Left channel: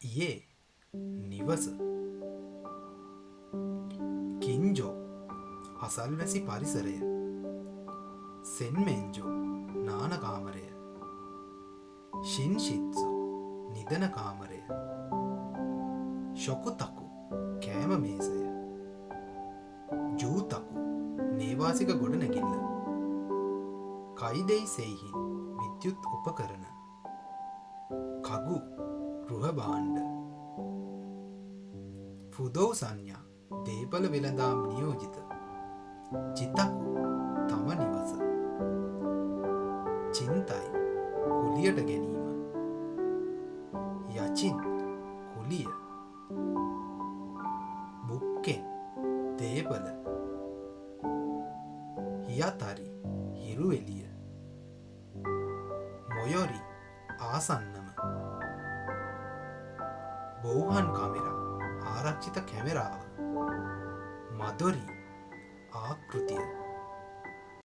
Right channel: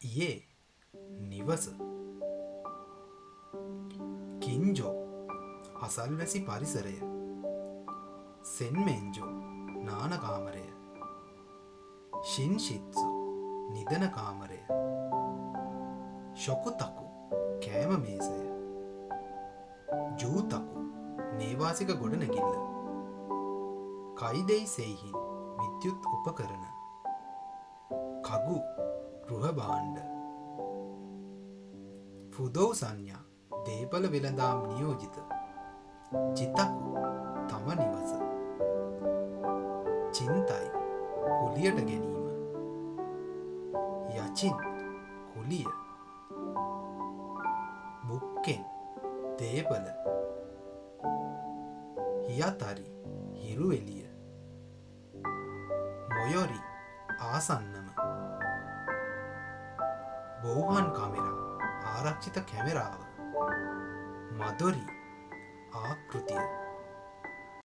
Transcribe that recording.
ඊයේ නිවස කින්ජෝ අසල්වැසි පරිසරය සෙන්මෙන්ජෝ නාන කාමරය ශින්ෂිත්සු නිදන කාමරය ශොකුතකු කෑම මේසය ජූතකු නේවාසික ගොඩනැගිල්ල කයිදෙයි සෙයිහින් විද්‍යුත් උපකරණ කගු ගෘහ භාණ්ඩ ෆුදෝ සංඥා දේපල වෙළඳාම් නියෝජිත චිතකු තම නිවස චින්තයි කුලියට ගැනීම යචින් කුලිය බුක්කෙන් දේපල හියතරි හිරු එළිය මොයොරි ආසන්නම බෝහන් කාමරා ආරක්ෂිත කැමරාව මදොරි ආකෘතිය